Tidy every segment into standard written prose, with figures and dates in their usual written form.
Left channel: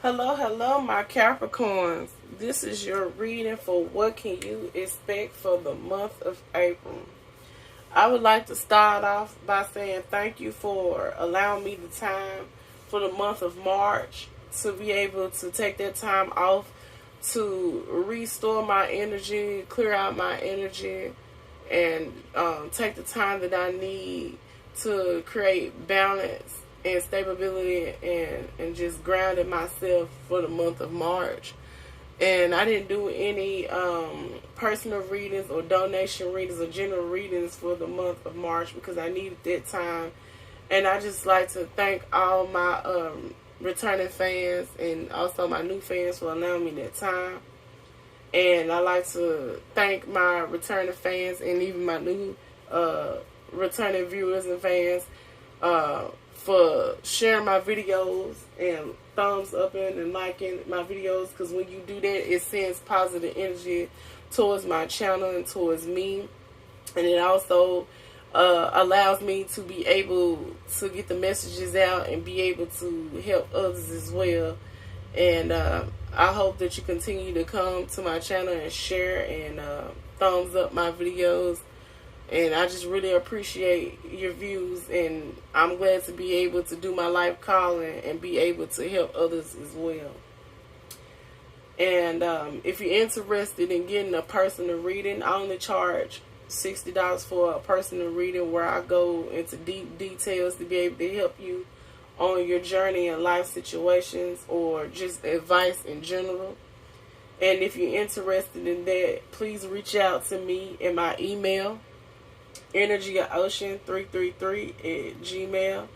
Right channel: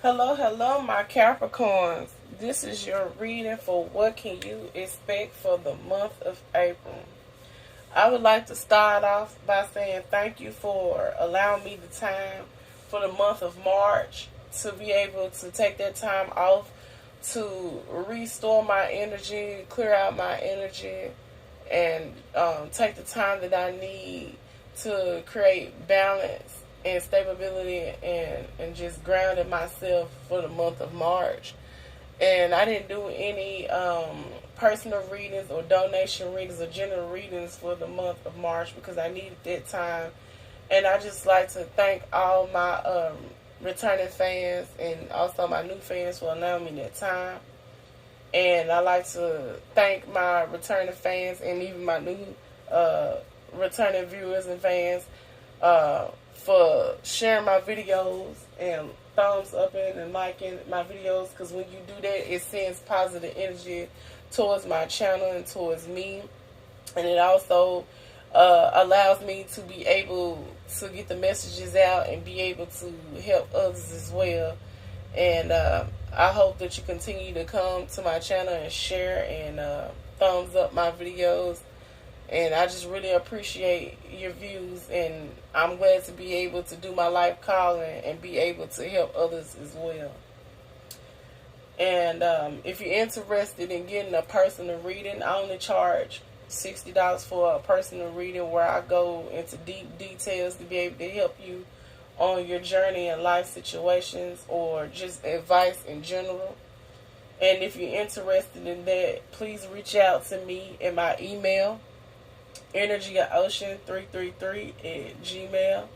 Hello, hello, my Capricorns. This is your reading for what can you expect for the month of April. I would like to start off by saying thank you for allowing me the time for the month of March to be able to take that time off to restore my energy, clear out my energy, and take the time that I need to create balance and stability and just grounded myself for the month of March. And I didn't do any personal readings or donation readings or general readings for the month of March because I needed that time. And I just like to thank all my returning fans and also my new fans for allowing me that time. And I like to thank my returning fans and even my new returning viewers and fans for sharing my videos and thumbs up and liking my videos, because when you do that, it sends positive energy towards my channel and towards me, and it also allows me to be able to get the messages out and be able to help others as well. And I hope that you continue to come to my channel and share and thumbs up my videos. And I just really appreciate your views, and I'm glad to be able to do my life calling and be able to help others as well. And if you're interested in getting a personal reading, I only charge $60 for a personal reading where I go into deep details to be able to help you on your journey in life situations or just advice in general. And if you're interested in that, please reach out to me in my email, energyocean333@gmail.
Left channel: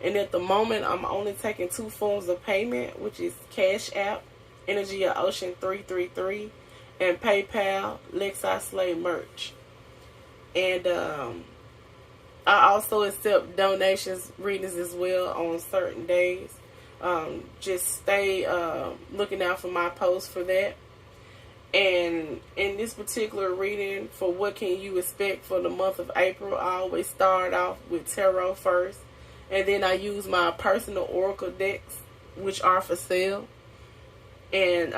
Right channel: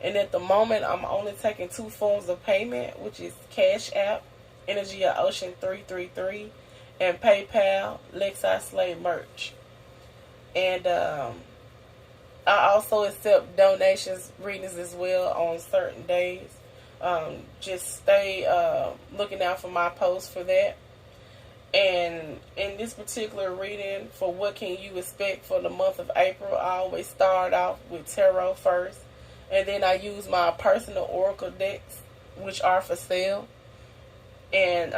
And at the moment, I'm only taking two forms of payment, which is Cash App, energyocean333, and PayPal, Lexi Slay Merch. And I also accept donations, readings as well on certain days. Just stay looking out for my posts for that. And in this particular reading for what can you expect for the month of April, I always start off with tarot first. And then I use my personal oracle decks, which are for sale. And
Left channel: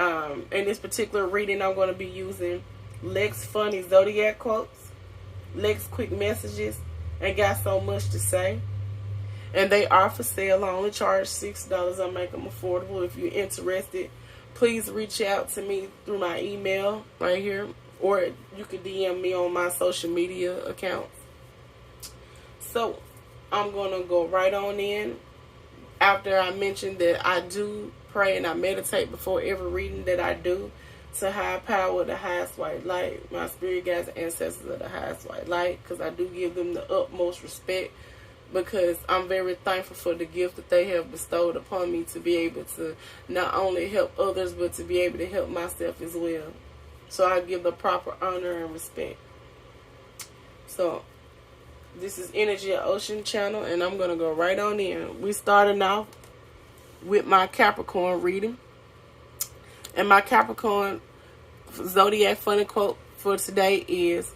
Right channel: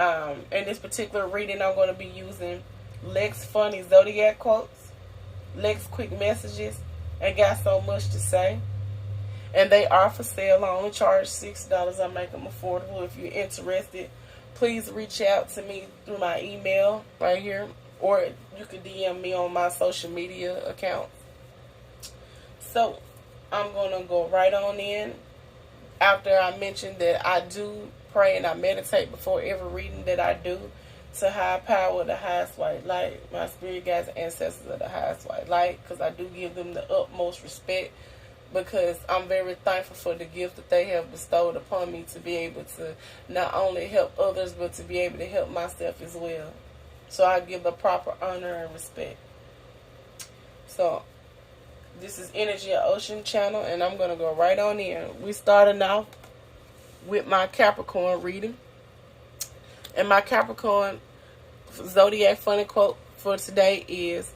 in this particular reading, I'm going to be using Lex Funny Zodiac Quotes, Lex Quick Messages, and Got So Much to Say. And they are for sale. I only charge $6. I make them affordable. If you're interested, please reach out to me through my email right here, or you can DM me on my social media accounts. So I'm going to go right on in. After I mentioned that I do pray and I meditate before every reading that I do to high power, the highest white light, my spirit guides and ancestors of the highest white light, because I do give them the utmost respect, because I'm very thankful for the gift that they have bestowed upon me to be able to not only help others, but to be able to help myself as well. So I give the proper honor and respect. So this is Energy of Ocean channel, and I'm going to go right on in. We starting off with my Capricorn reading. And my Capricorn Zodiac funny quote for today is,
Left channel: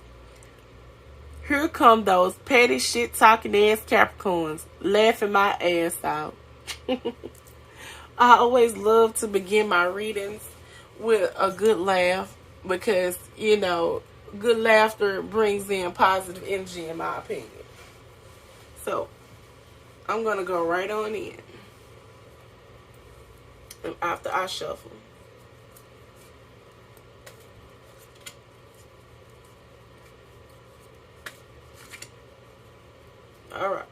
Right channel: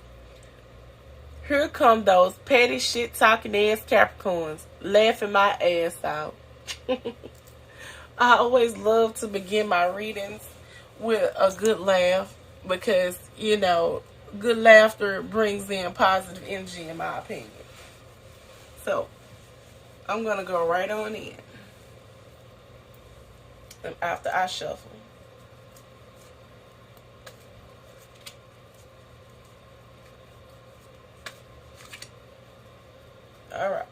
"Here come those petty shit talking ass Capricorns, laughing my ass out." I always love to begin my readings with a good laugh because, you know, good laughter brings in positive energy in my opinion. So, I'm going to go right on in. And after I shuffle. Alright.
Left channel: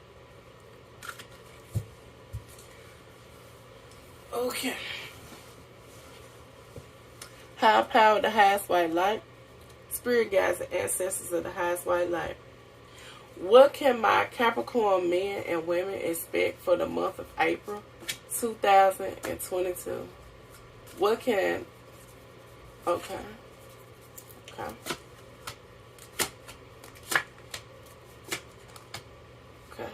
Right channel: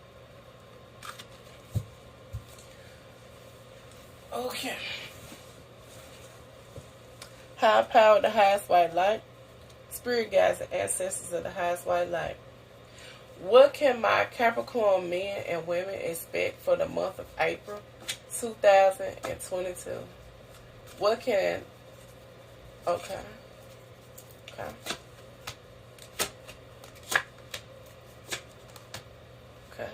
Okay. High power, the highest white light. Spirit guides and ancestors of the highest white light. What can my Capricorn men and women expect for the month of April 2022? What can... Okay. Okay. Okay.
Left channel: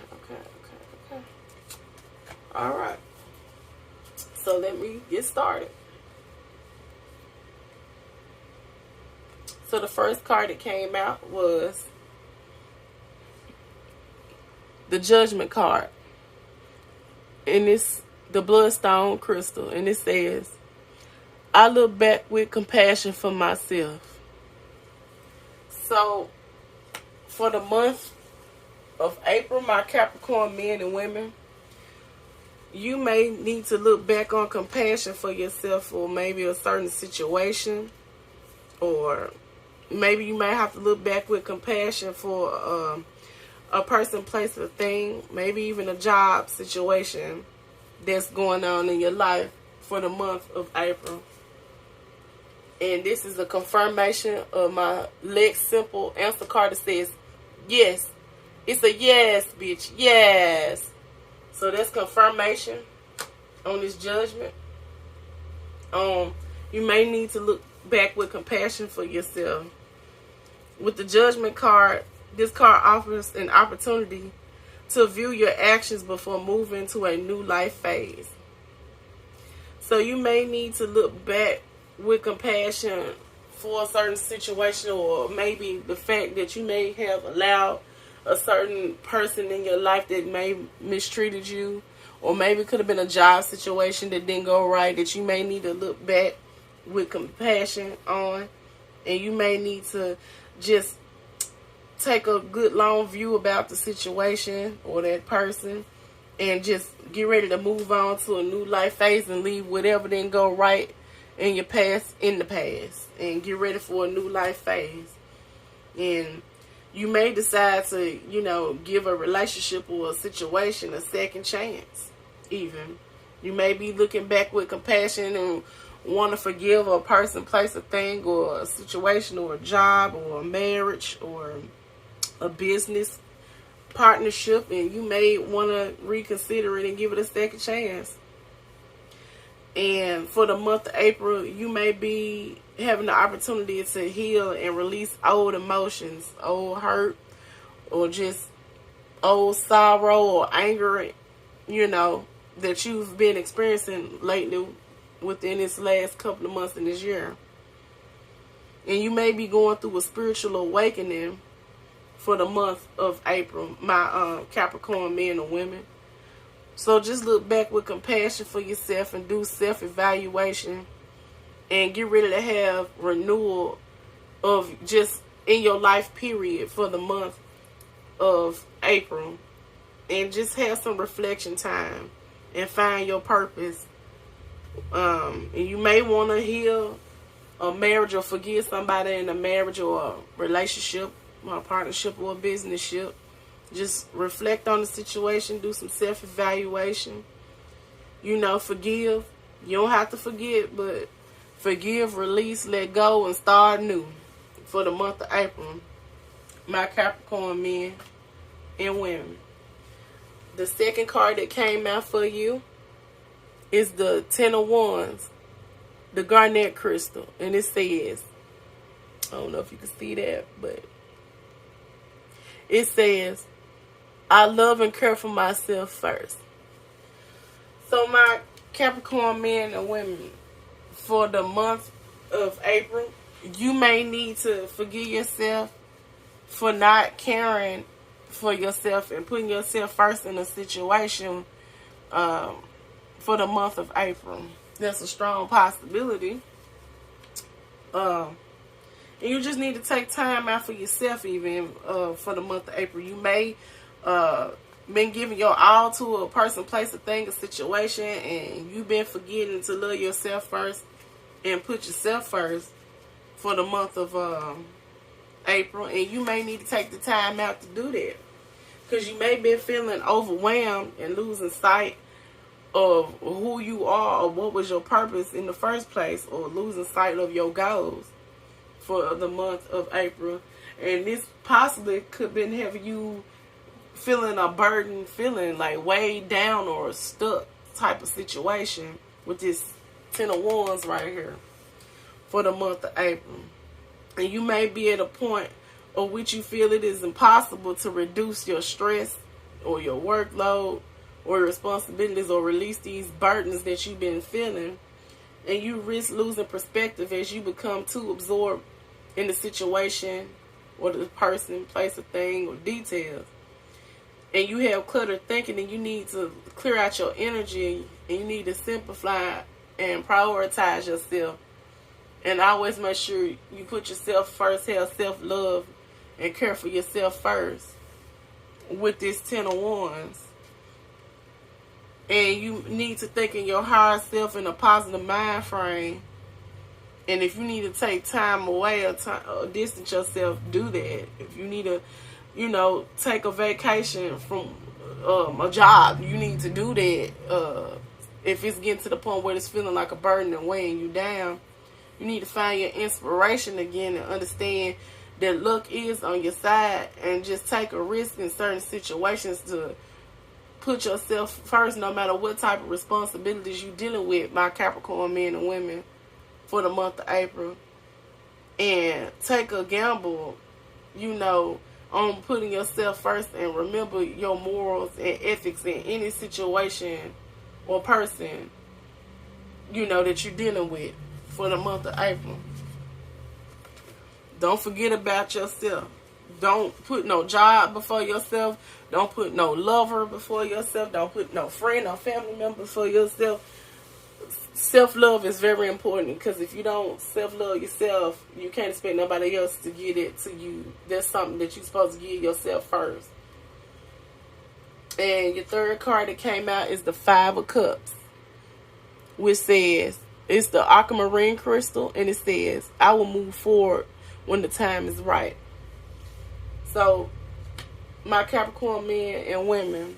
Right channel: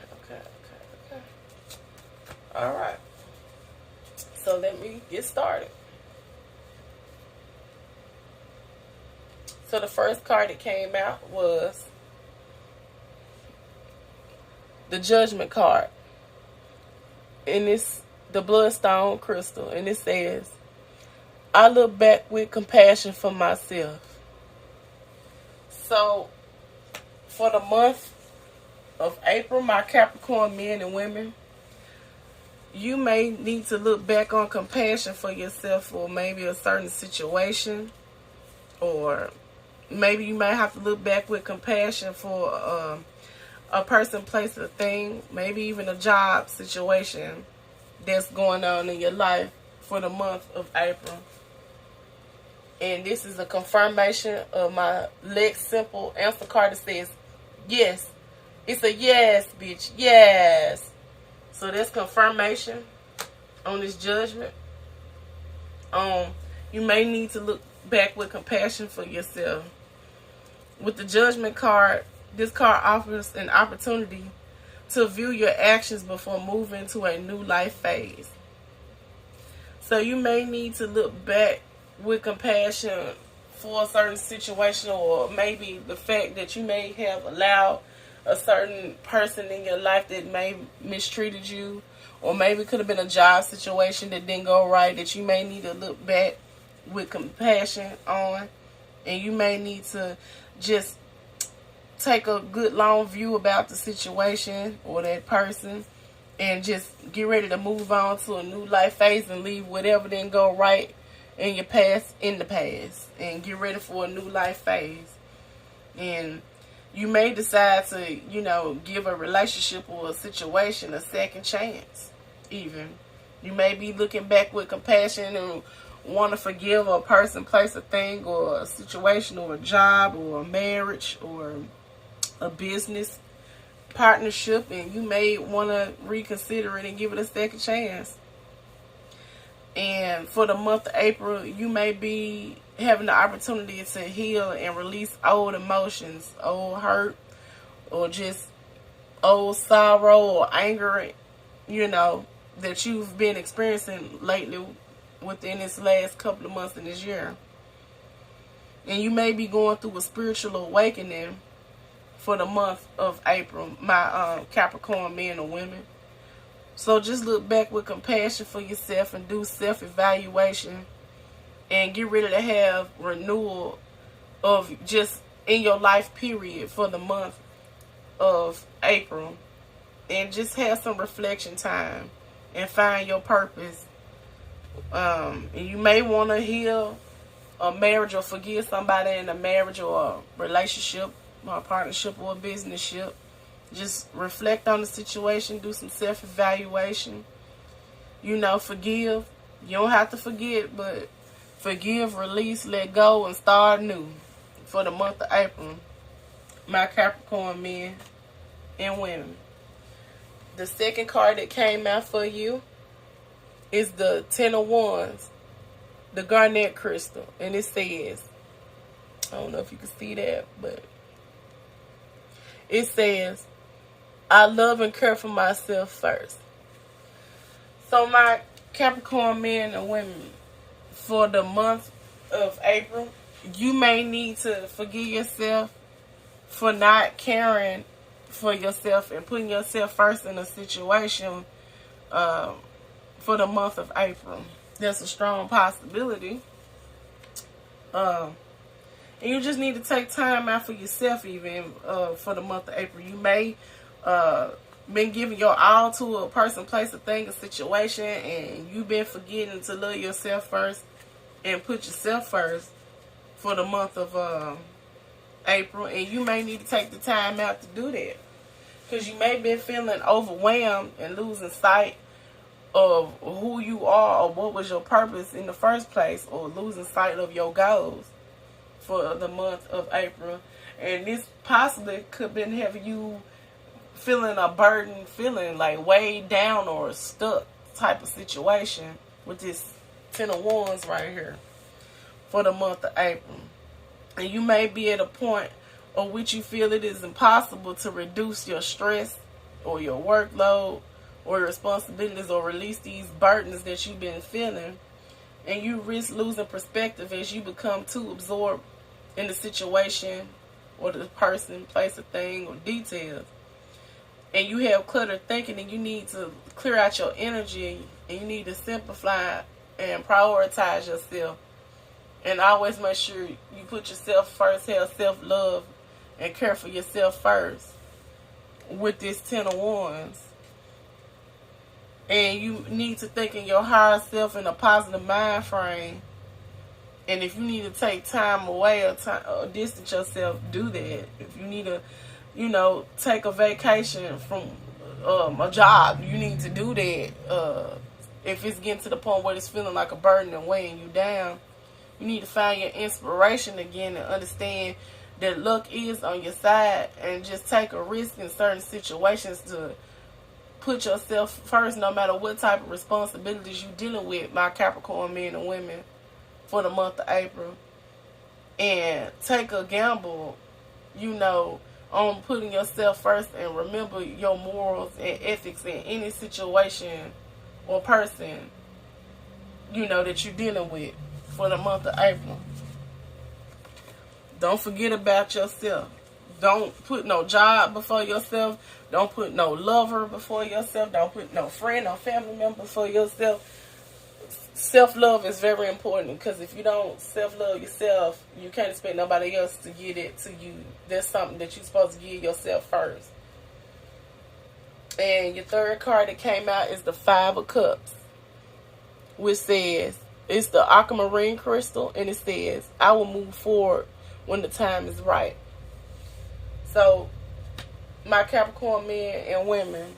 Alright. So let me get started. So the first card that came out was the Judgment card. And this the bloodstone crystal, and it says, I look back with compassion for myself. So, for the month of April, my Capricorn men and women, you may need to look back on compassion for yourself for maybe a certain situation, or maybe you may have to look back with compassion for a person, place, or thing, maybe even a job situation that's going on in your life for the month of April. And this is a confirmation of my Lex Simple answer card that says, yes. It's a yes, bitch. Yes. So that's confirmation on this judgment. You may need to look back with compassion for yourself. With the judgment card, this card offers an opportunity to view your actions before moving to a new life phase. So you may need to look back with compassion for a certain situation, or maybe the fact that you may have allowed a certain person in your life that may mistreated you, or maybe it could have been a job situation that didn't go right, that you may need to look back with compassion on, and you may need to just take a good long view about the situation or that person, and just get ready to move on to a new life phase and leave whatever didn't go right in your past in the past, and get ready for a new life phase. And you may decide to, give a relationship or a situation a second chance, even. You may be looking back with compassion and want to forgive a person, place, a thing, or a situation, or a job, or a marriage, or a business partnership, and you may want to reconsider it and give it a second chance. And for the month of April, you may be having the opportunity to heal and release old emotions, old hurt, or just old sorrow or anger, that you've been experiencing lately within this last couple of months in this year. And you may be going through a spiritual awakening for the month of April, my Capricorn men and women. So just look back with compassion for yourself and do self-evaluation, and get ready to have renewal of just in your life period for the month of April, and just have some reflection time and find your purpose. And you may want to heal a marriage or forgive somebody in a marriage or a relationship or a partnership or a business ship. Just reflect on the situation, do some self-evaluation. Forgive. You don't have to forget, but forgive, release, let go, and start new for the month of April, my Capricorn men and women. The second card that came out for you is the Ten of Wands, the garnet crystal. And it says, I don't know if you can see that, but it says, I love and care for myself first. So my Capricorn men and women, for the month of April, you may need to forgive yourself for not caring for yourself and putting yourself first in a situation for the month of April. There's a strong possibility. And you just need to take time out for yourself even for the month of April. You may been giving your all to a person, place, a thing, a situation, and you've been forgetting to love yourself first and put yourself first for the month of April. And you may need to take the time out to do that, because you may be feeling overwhelmed and losing sight of who you are or what was your purpose in the first place, or losing sight of your goals for the month of April. And this possibly could have been having you feeling a burden, feeling like weighed down or stuck type of situation with this Ten of Wands right here for the month of April. And you may be at a point of which you feel it is impossible to reduce your stress or your workload or responsibilities, or release these burdens that you've been feeling. And you risk losing perspective as you become too absorbed in the situation or the person, place, or thing, or details. And you have cluttered thinking, and you need to clear out your energy And you need to simplify and prioritize yourself. And always make sure you put yourself first, have self-love, and care for yourself first with this 10 of Wands. And you need to think in your higher self in a positive mind frame. And if you need to take time away or distance yourself, do that. If you need to, take a vacation from a job, you need to do that. If it's getting to the point where it's feeling like a burden and weighing you down, you need to find your inspiration again and understand that luck is on your side, and just take a risk in certain situations to put yourself first, no matter what type of responsibilities you're dealing with, my Capricorn men and women, for the month of April. And take a gamble, on putting yourself first, and remember your morals and ethics in any situation or person, that you're dealing with for the month of April. Don't forget about yourself. Don't put no job before yourself. Don't put no lover before yourself. Don't put no friend or family member before yourself. Self-love is very important, because if you don't self-love yourself, you can't expect nobody else to give it to you. That's something that you're supposed to give yourself first. And your third card that came out is the Five of Cups, which says, it's the aquamarine crystal, and it says, I will move forward when the time is right. So, my Capricorn men and women,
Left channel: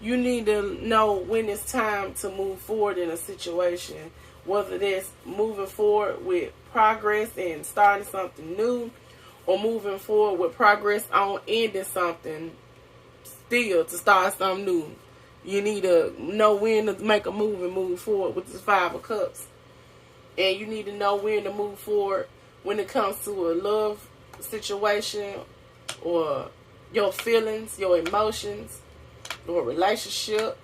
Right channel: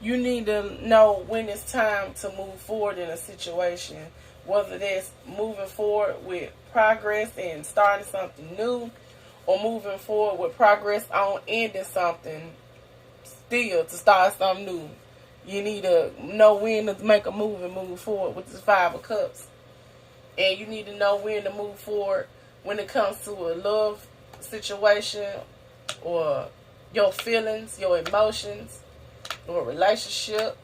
you need to know when it's time to move forward in a situation, whether that's moving forward with progress and starting something new, or moving forward with progress on ending something still to start something new. You need to know when to make a move and move forward with this Five of Cups. And you need to know when to move forward when it comes to a love situation, or your feelings, your emotions, or a relationship,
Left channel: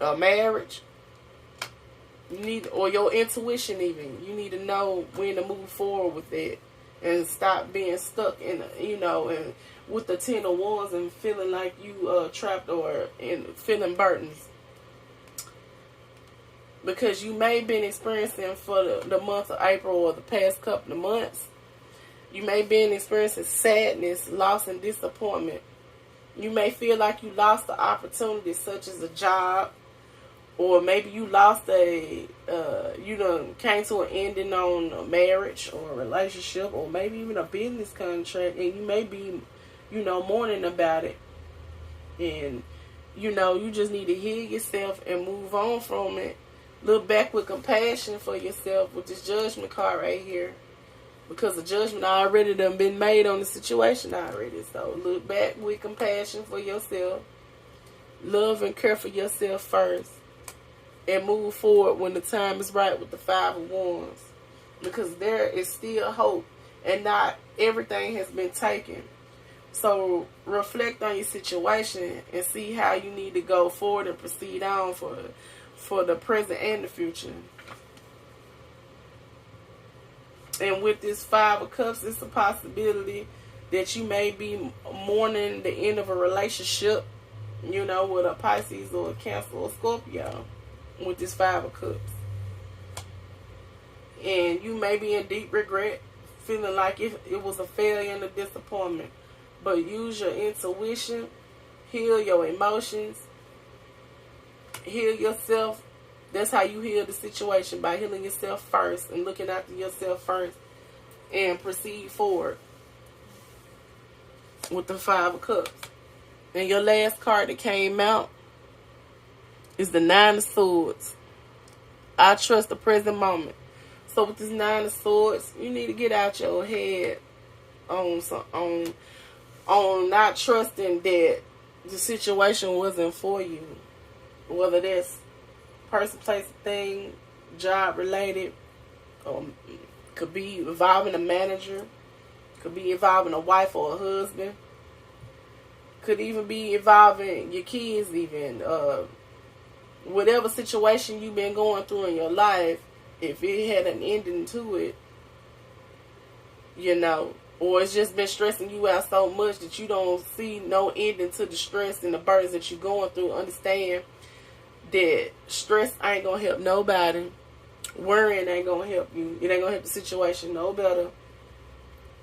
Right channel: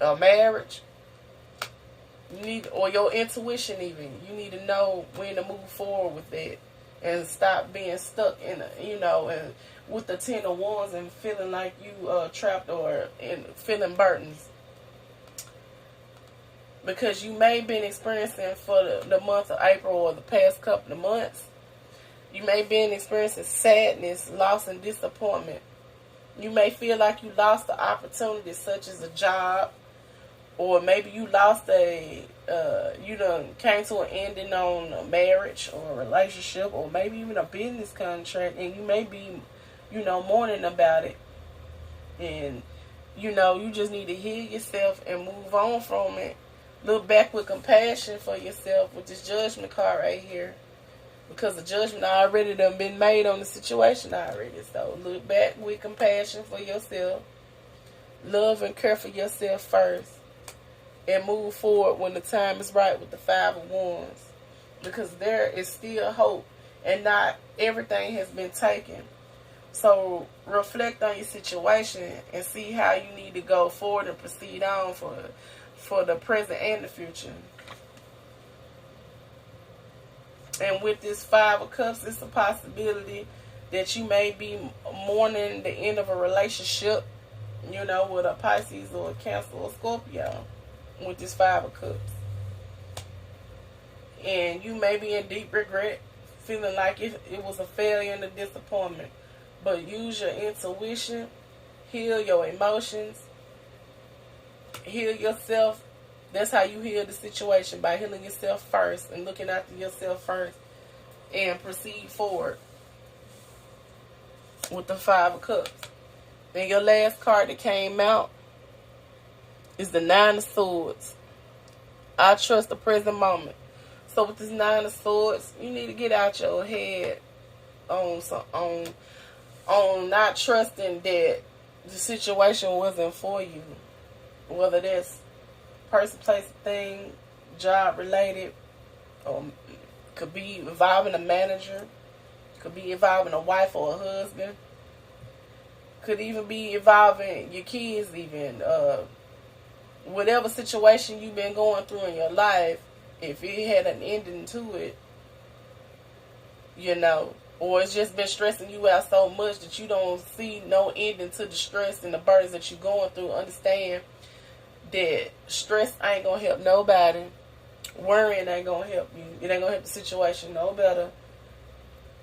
or marriage. Or your intuition even. You need to know when to move forward with it and stop being stuck in, and with the 10 of Wands and feeling like you trapped or feeling burdens. Because you may have been experiencing for the month of April or the past couple of months, you may have been experiencing sadness, loss, and disappointment. You may feel like you lost the opportunity, such as a job, or maybe you lost you done came to an ending on a marriage or a relationship, or maybe even a business contract, and you may be, mourning about it. And, you just need to heal yourself and move on from it. Look back with compassion for yourself with this Judgment card right here. Because the judgment already done been made on the situation already. So look back with compassion for yourself. Love and care for yourself first. And move forward when the time is right with the Five of Wands. Because there is still hope. And not everything has been taken. So reflect on your situation and see how you need to go forward and proceed on for the present and the future. And with this Five of Cups, it's a possibility that you may be mourning the end of a relationship, with a Pisces or a Cancer or Scorpio, with this Five of Cups. And you may be in deep regret, feeling like it was a failure and a disappointment. But use your intuition, heal your emotions, heal yourself. That's how you heal the situation, by healing yourself first and looking after yourself first, and proceed forward with the Five of Cups. And your last card that came out is the Nine of Swords. I trust the present moment. So with this Nine of Swords, you need to get out your head on not trusting that the situation wasn't for you, whether that's person, place, thing, job related, could be involving a manager, could be involving a wife or a husband, could even be involving your kids, even whatever situation you've been going through in your life. If it had an ending to it, or it's just been stressing you out so much that you don't see no ending to the stress and the burdens that you're going through, understand that stress ain't gonna help nobody. Worrying ain't gonna help you. It ain't gonna help the situation no better.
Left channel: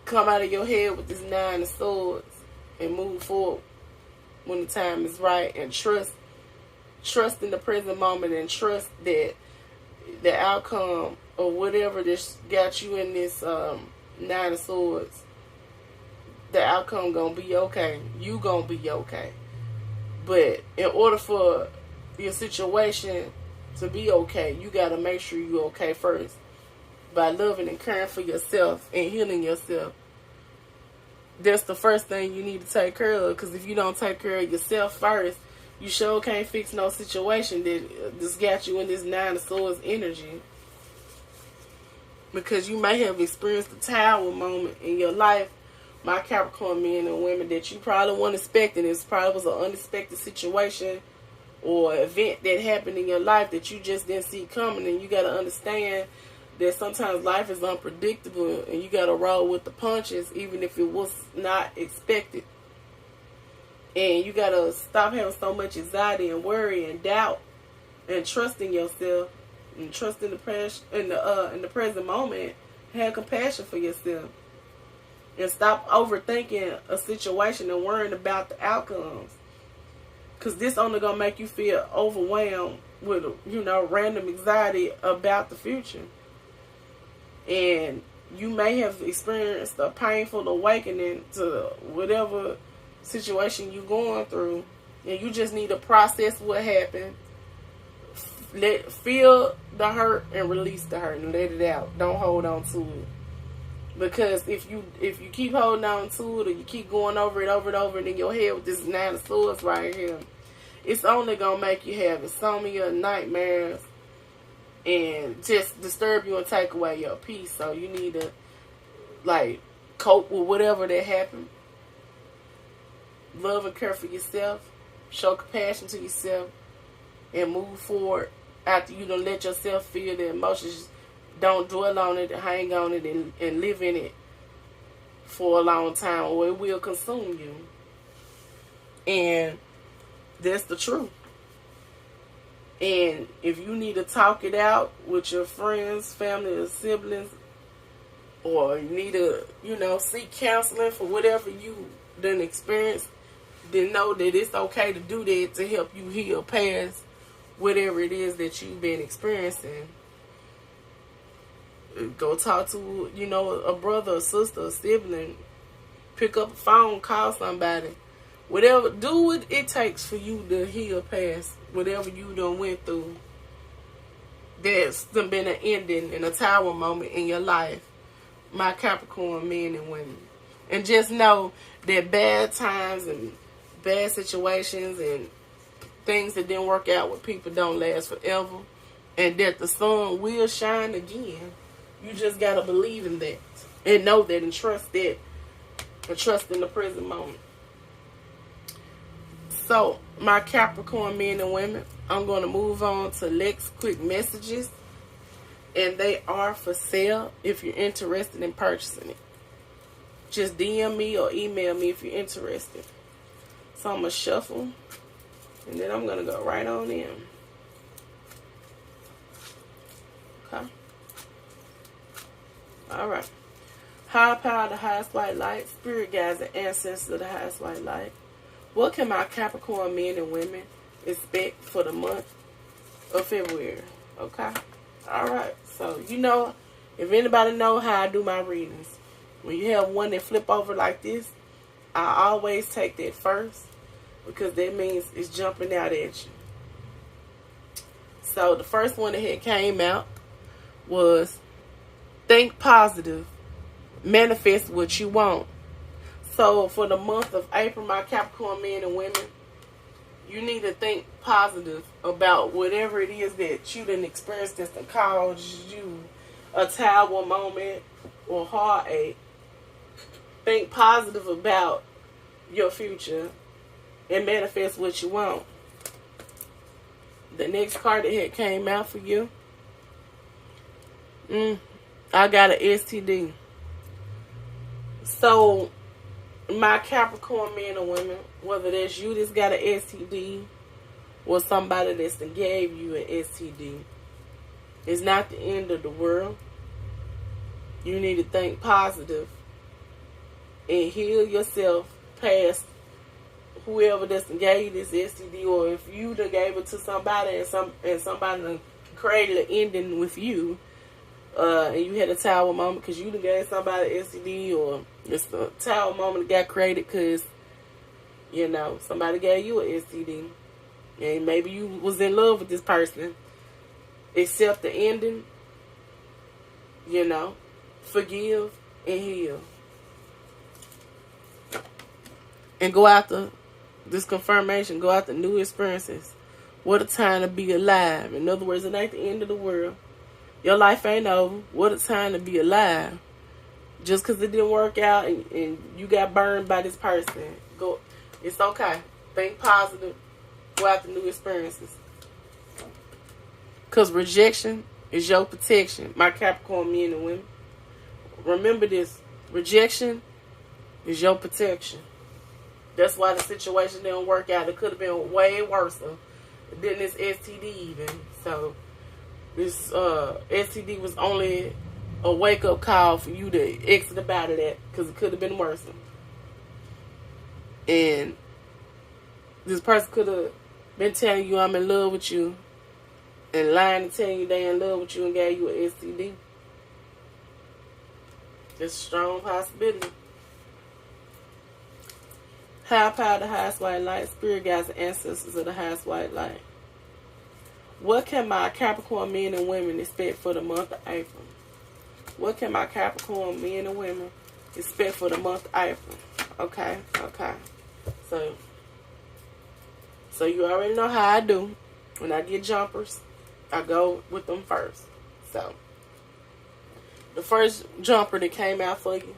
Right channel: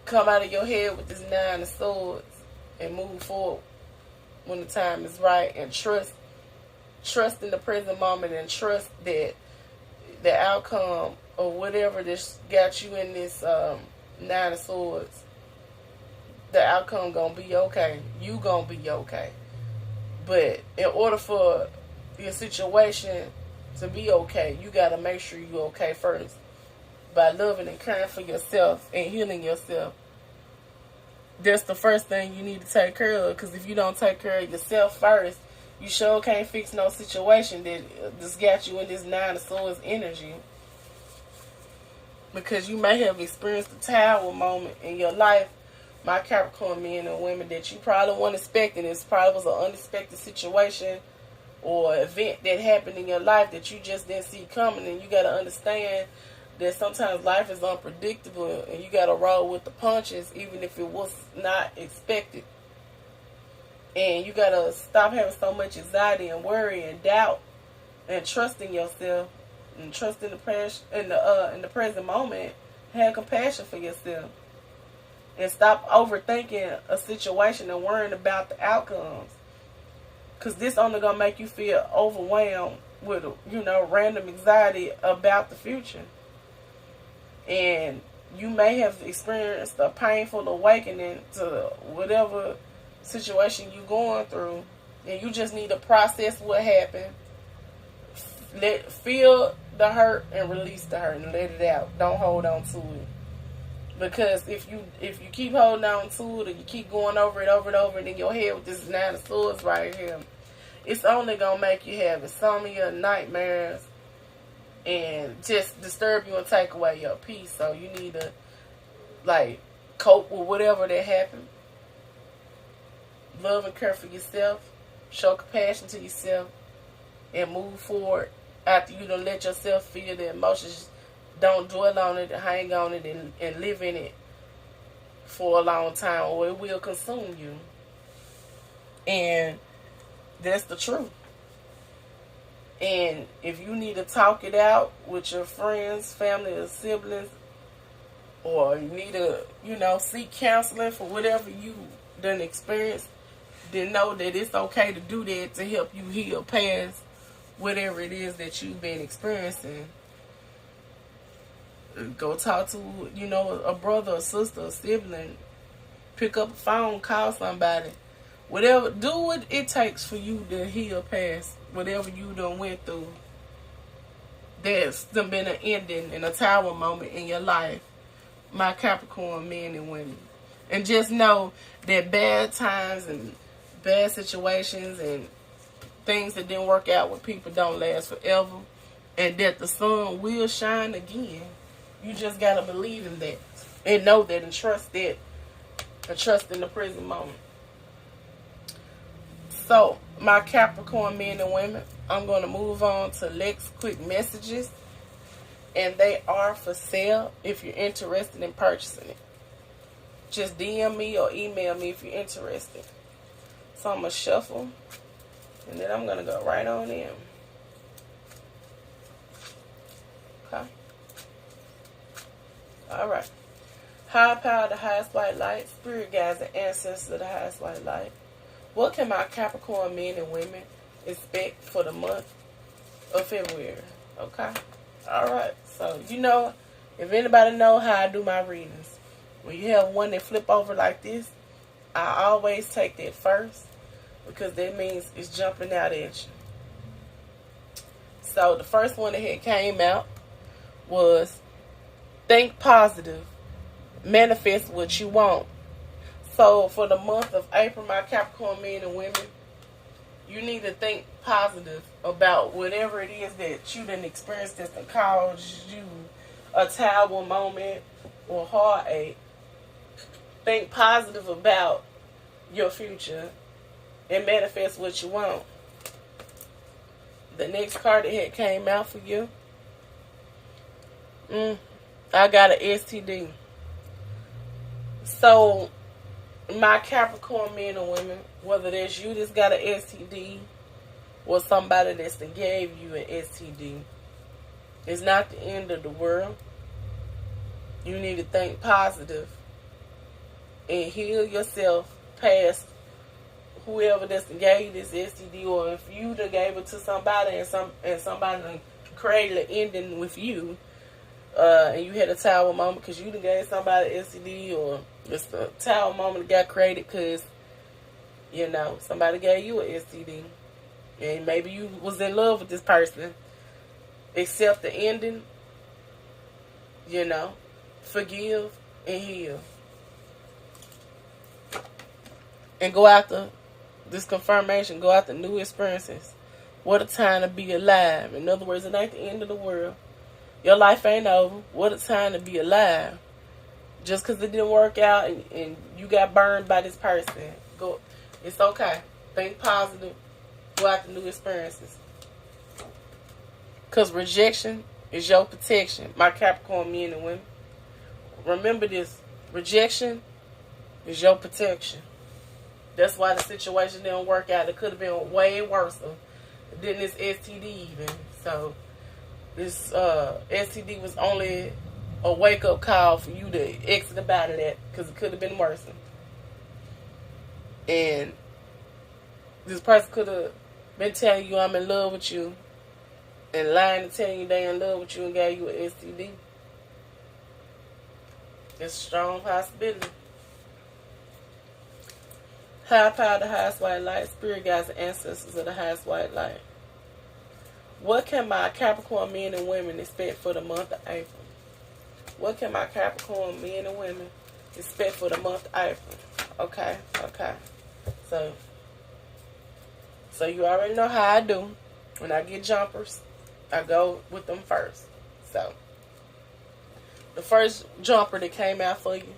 Come out of your head with this 9 of swords and move forward when the time is right, and trust in the present moment, and trust that the outcome or whatever this got you in this 9 of swords, the outcome gonna be okay. You gonna be okay. But in order for your situation to be okay, you gotta make sure you're okay first by loving and caring for yourself and healing yourself. That's the first thing you need to take care of, because if you don't take care of yourself first, you sure can't fix no situation that just got you in this 9 of swords energy. Because you may have experienced a tower moment in your life, my Capricorn men and women, that you probably weren't expecting. It probably was an unexpected situation or event that happened in your life that you just didn't see coming. And you got to understand that sometimes life is unpredictable and you got to roll with the punches even if it was not expected. And you got to stop having so much anxiety and worry and doubt and trust in yourself and trust in the present moment. Have compassion for yourself. And stop overthinking a situation and worrying about the outcomes. Because this only going to make you feel overwhelmed with, random anxiety about the future. And you may have experienced a painful awakening to whatever situation you're going through. And you just need to process what happened. Feel the hurt and release the hurt and let it out. Don't hold on to it. Because if you keep holding on to it, or you keep going over it in your head with this 9 of swords right here, it's only going to make you have insomnia, nightmares, and just disturb you and take away your peace. So you need to, cope with whatever that happened. Love and care for yourself. Show compassion to yourself. And move forward after you done let yourself feel the emotions. Don't dwell on it, hang on it, and live in it for a long time, or it will consume you. And that's the truth. And if you need to talk it out with your friends, family, or siblings, or you need to, seek counseling for whatever you done experienced, then know that it's okay to do that to help you heal past whatever it is that you've been experiencing. Go talk to, a brother, a sister, a sibling. Pick up a phone, call somebody. Whatever, do what it takes for you to heal past whatever you done went through. There's been an ending and a tower moment in your life, my Capricorn men and women. And just know that bad times and bad situations and things that didn't work out with people don't last forever. And that the sun will shine again. You just got to believe in that. And know that and trust that. And trust in the present moment. So, my Capricorn men and women, I'm going to move on to Lex quick messages. And they are for sale if you're interested in purchasing it. Just DM me or email me if you're interested. So, I'm going to shuffle. And then I'm going to go right on in. Okay. Alright. High power, the highest white light. Spirit guides and ancestors of the highest white light. What can my Capricorn men and women expect for the month of February? Okay. Alright. So, if anybody know how I do my readings, when you have one that flip over like this, I always take that first. Because that means it's jumping out at you. So, the first one that had came out was think positive, manifest what you want. So for the month of April, my Capricorn men and women, you need to think positive about whatever it is that you didn't experience that's going to cause you a tower moment or heartache. Think positive about your future and manifest what you want. The next card that had came out for you, I got an STD. So, my Capricorn men and women, whether that's you that's got an STD, or somebody that's that gave you an STD. It's not the end of the world. You need to think positive and heal yourself past whoever that's gave you this STD, or if you done gave it to somebody and somebody done created an ending with you, and you had a tower moment because you done gave somebody STD, or it's a tower moment that got created because, you know, somebody gave you an STD. And maybe you was in love with this person. Accept the ending, you know, forgive and heal. And go after this confirmation, go after new experiences. What a time to be alive. In other words, it ain't the end of the world. Your life ain't over. What a time to be alive. Just because it didn't work out and you got burned by this person, go. It's okay. Think positive. Go after new experiences. Because rejection is your protection. My Capricorn men and women. Remember this. Rejection is your protection. That's why the situation didn't work out. It could have been way worse than this STD even. So this STD was only a wake-up call for you to exit about of that, because it could have been worse. And this person could have been telling you I'm in love with you and lying and telling you they in love with you and gave you an STD. It's a strong possibility. High power, the highest white light, spirit guides and ancestors of the highest white light. What can my Capricorn men and women expect for the month of April? What can my Capricorn men and women expect for the month of April? Okay. So you already know how I do. When I get jumpers, I go with them first. So the first jumper that came out for you:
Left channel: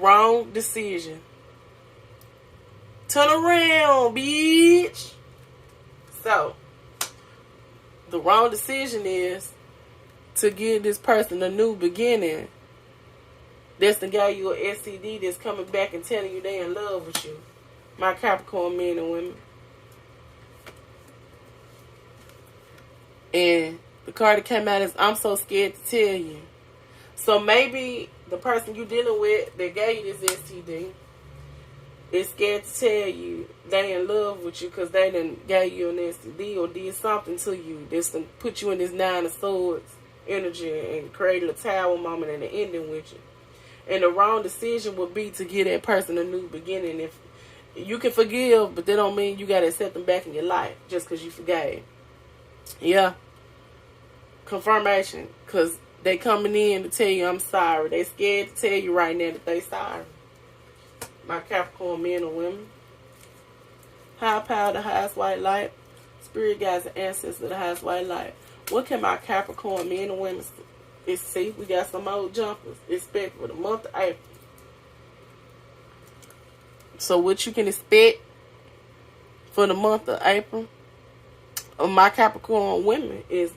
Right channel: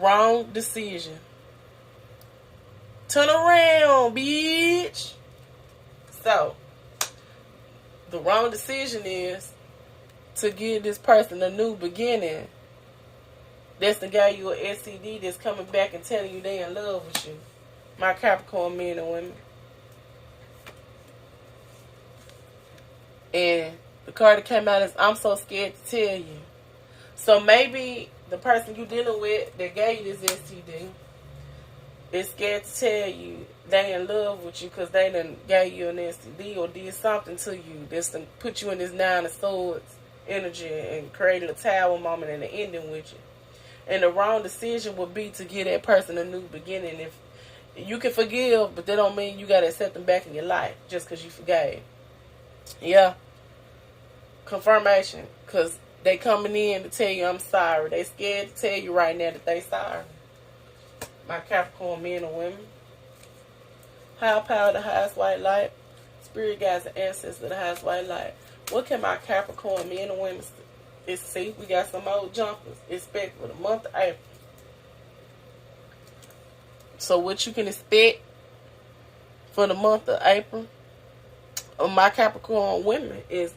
wrong decision. Turn around, bitch. So the wrong decision is to give this person a new beginning. That's the guy you an STD that's coming back and telling you they in love with you. My Capricorn men and women. And the card that came out is I'm so scared to tell you. So maybe the person you dealing with that gave you this STD is scared to tell you they in love with you because they done gave you an STD or did something to you that's done put you in this 9 of Swords energy and created a tower moment and an ending with you. And the wrong decision would be to give that person a new beginning. If you can forgive, but that don't mean you got to accept them back in your life just because you forgave. Yeah. Confirmation. Because they coming in to tell you I'm sorry. They scared to tell you right now that they sorry. My Capricorn men and women. High power, the highest white light. Spirit guides and ancestors of the highest white light. What can my Capricorn men and women see? We got some old jumpers. Expect for the month of April. So what you can expect for the month of April of my Capricorn women is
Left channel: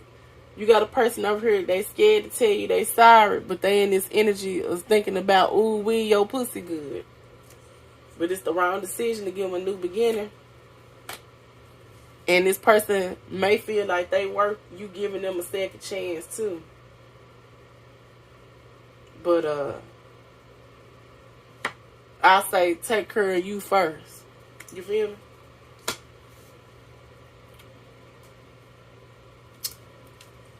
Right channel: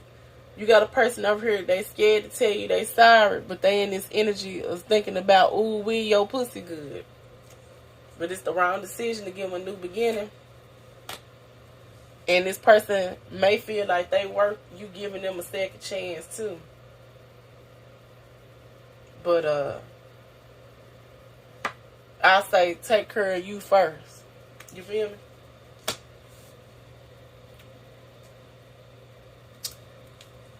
you got a person over here, they scared to tell you they sorry, but they in this energy of thinking about, ooh, we your pussy good. But it's the wrong decision to give them a new beginning. And this person may feel like they worth you giving them a second chance too. But I say take care of you first. You feel me?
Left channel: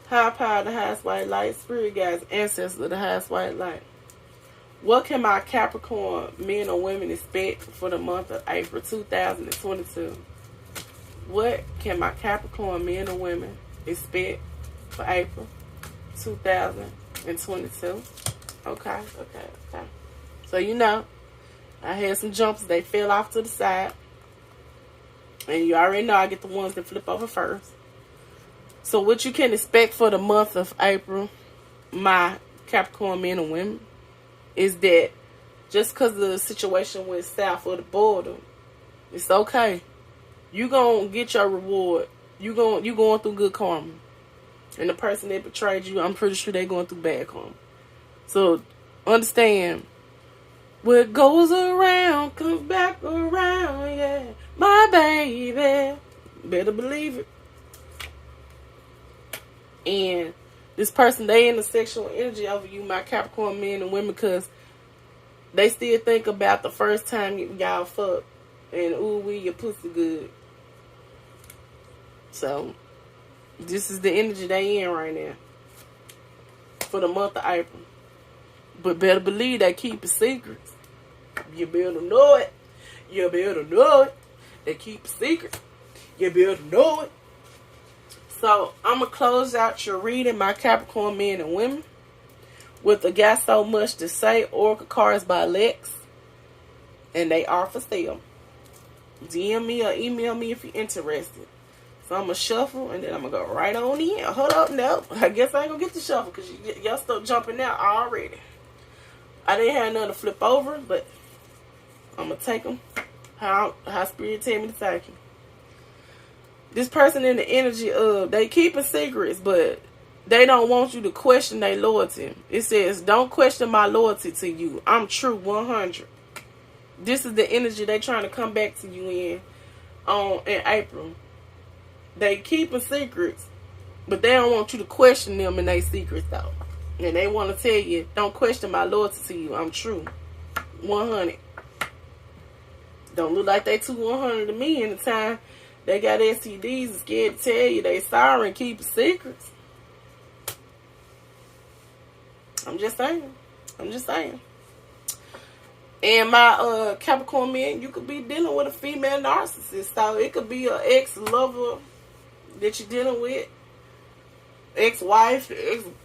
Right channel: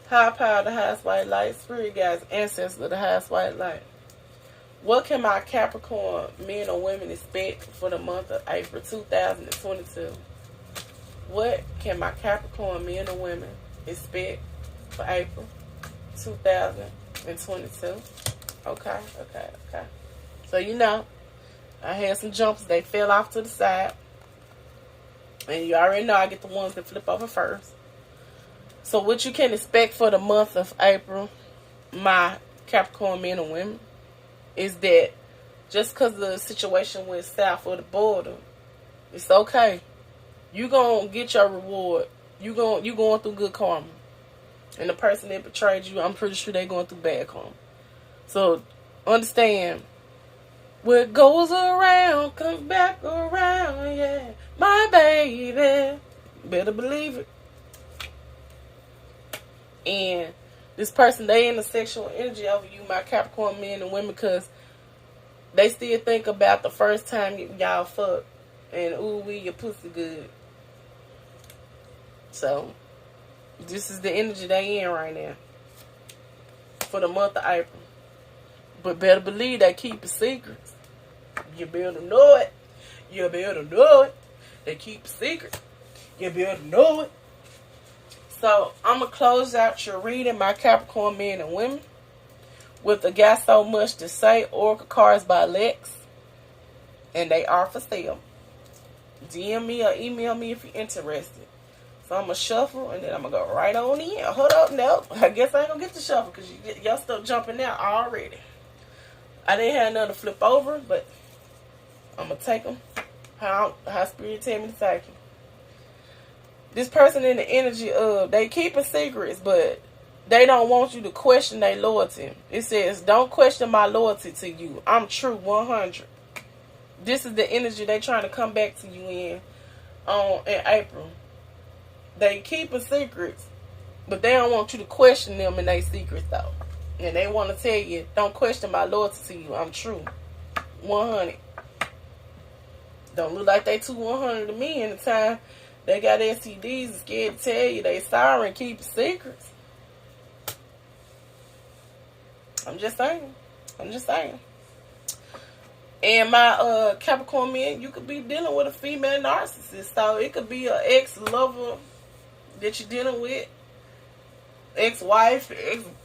High power, the highest white light. Spirit guides, ancestors of the highest white light. What can my Capricorn men or women expect for the month of April 2022? What can my Capricorn men or women expect for April 2022? Okay. So you know, I had some jumpers. They fell off to the side. And you already know I get the ones that flip over first. So what you can expect for the month of April, my Capricorn men and women, is that just because the situation went south of the border, it's okay. You gonna get your reward. You going through good karma. And the person that betrayed you, I'm pretty sure they going through bad karma. So understand, what goes around comes back around, yeah. My baby. Better believe it. And this person, they in the sexual energy over you, my Capricorn men and women, because they still think about the first time y'all fuck. And ooh, wee, your pussy good. So, this is the energy they in right now. For the month of April. But better believe they keep it secret. You better know it. You better know it. They keep it secret. You better know it. So, I'm going to close out your reading, my Capricorn men and women, with the Got So Much to Say Oracle cards by Lex. And they are for sale. DM me or email me if you're interested. So, I'm going to shuffle and then I'm going to go right on in. Hold up, no. I guess I ain't going to get the shuffle because y'all still jumping out already. I didn't have none to flip over, but I'm going to take them how Spirit tell me to take them. This person in the energy of, they keeping secrets, but they don't want you to question their loyalty. It says, don't question my loyalty to you. I'm true 100. This is the energy they trying to come back to you in April. They keeping secrets, but they don't want you to question them in their secrets though. And they want to tell you, don't question my loyalty to you. I'm true 100. Don't look like they too 100 to me in the time. They got STDs and scared to tell you they sorry and keep secrets. I'm just saying. And my Capricorn man, you could be dealing with a female narcissist. So it could be an ex-lover that you're dealing with. Ex-wife,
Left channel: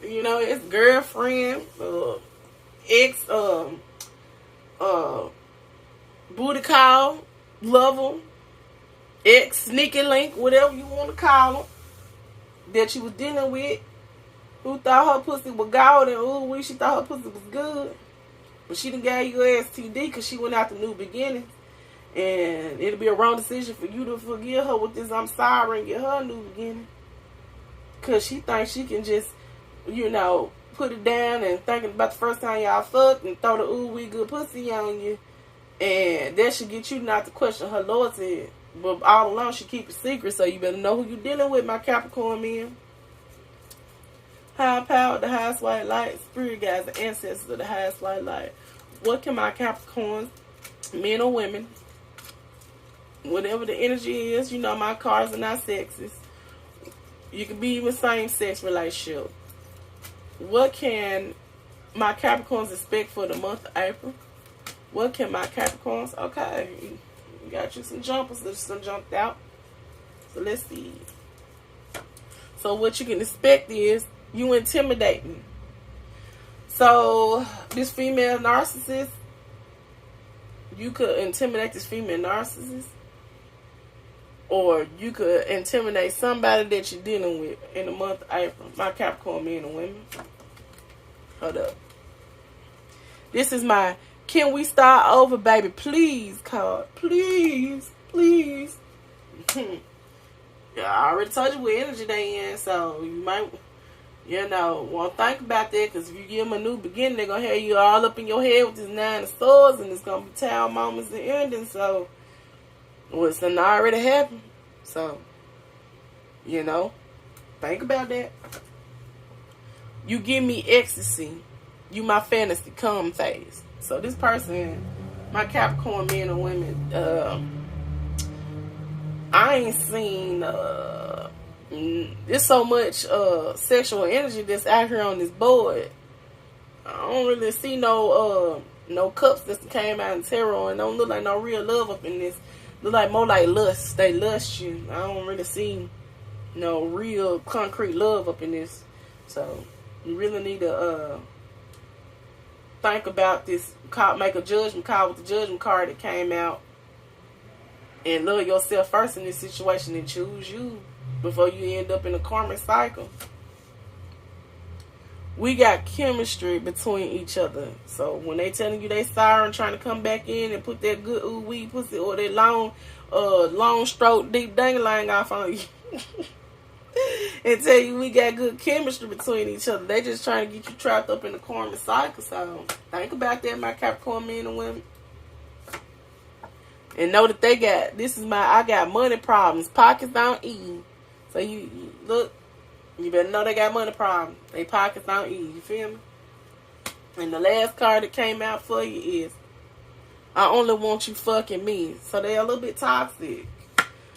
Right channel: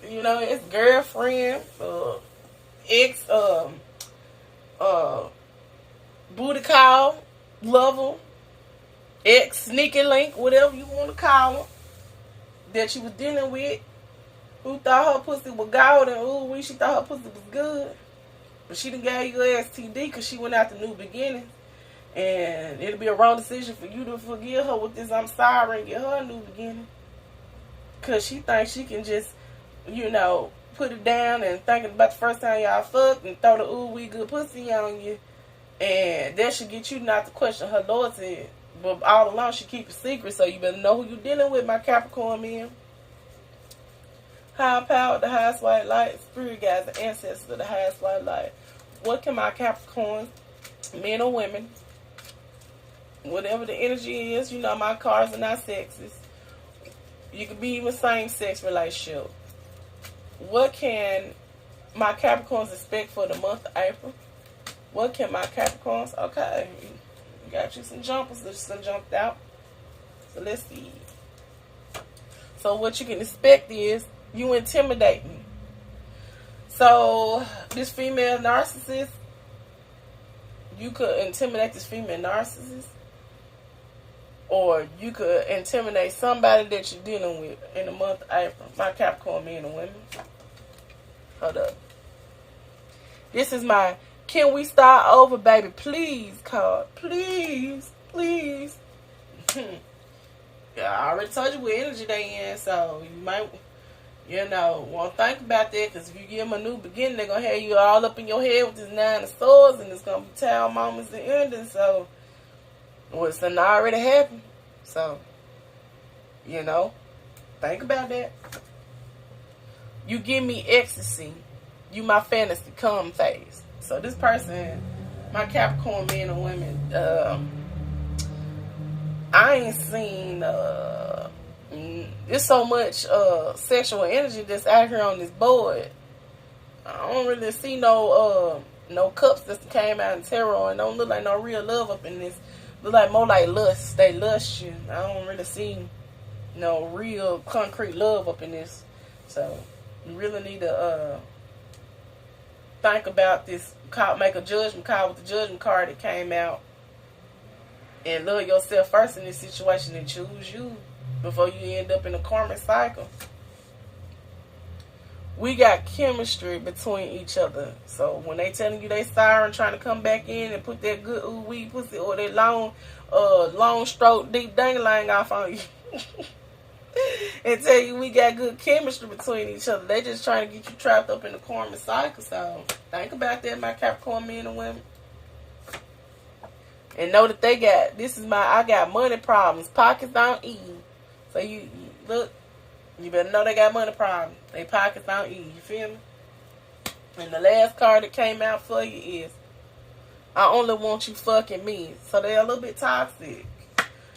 ex-girlfriend, booty call, lover. Ex, sneaky link, whatever you want to call them, that you was dealing with, who thought her pussy was golden, ooh, she thought her pussy was good, but she done gave you a STD because she went out to new beginnings, and it'll be a wrong decision for you to forgive her with this I'm sorry and get her a new beginning, because she thinks she can just, put it down and thinking about the first time y'all fucked and throw the ooh, we good pussy on you, and that should get you not to question her loyalty. But all along, she keep it secret, so you better know who you're dealing with, my Capricorn men. High power, the highest white light. Spirit guides, the ancestors of the highest white light. What can my Capricorns, men or women, whatever the energy is, my cards are not sexist. You can be even same-sex relationship. What can my Capricorns expect for the month of April? What can my Capricorns... Okay, you got you some jumpers that just jumped out. So let's see. So what you can expect is you intimidate me. So this female narcissist, you could intimidate this female narcissist, or you could intimidate somebody that you're dealing with in the month of April. My Capricorn men and women. Hold up. This is my Can We Start Over, Baby, Please card. Please. Yeah, I already told you what energy they in, so you might, want to think about that, because if you give them a new beginning, they're going to have you all up in your head with this 9 of swords, and it's going to be town moments and endings, so, it's done already happened, so, think about that. You give me ecstasy, you my fantasy come phase. So this person, my Capricorn men and women, I ain't seen, there's so much sexual energy that's out here on this board. I don't really see no cups that came out in tarot, and don't look like no real love up in this. Look like more like lust. They lust you. I don't really see no real concrete love up in this. So you really need to think about this. Make a judgment call with the judgment card that came out, and love yourself first in this situation and choose you before you end up in a karmic cycle. We got chemistry between each other. So when they telling you they sorry and trying to come back in and put that good ooh wee pussy or that long stroke deep dangling off on you and tell you we got good chemistry between each other, they just trying to get you trapped up in the karmic cycle. So think about that, my Capricorn men and women. And know that I got money problems. Pockets don't eat. So you look, you better know they got money problems. They pockets don't eat. You feel me? And the last card that came out for you is, I only want you fucking me. So they're a little bit toxic.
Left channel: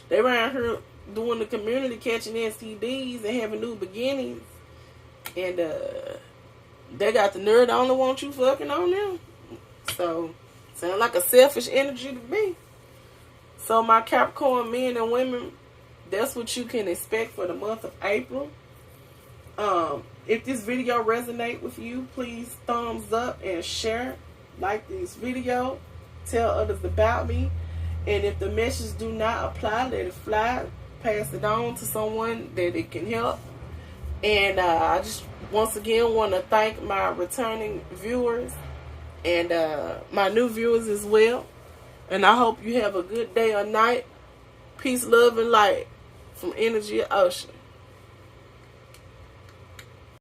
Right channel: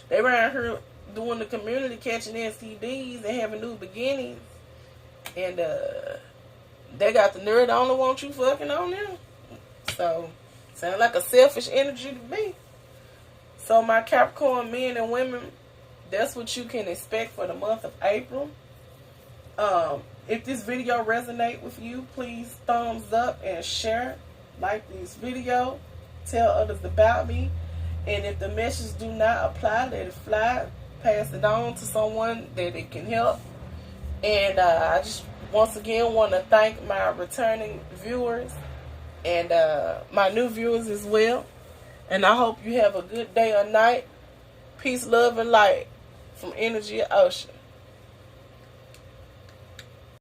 They around here doing the community, catching STDs and having new beginnings. And they got the nerve to only want you fucking on them. So, sound like a selfish energy to me. So my Capricorn men and women, that's what you can expect for the month of April. If this video resonate with you, please thumbs up and share. Like this video. Tell others about me. And if the message do not apply, let it fly. Pass it on to someone that it can help. And I just once again want to thank my returning viewers and my new viewers as well. And I hope you have a good day or night. Peace, love, and light from Energy Ocean.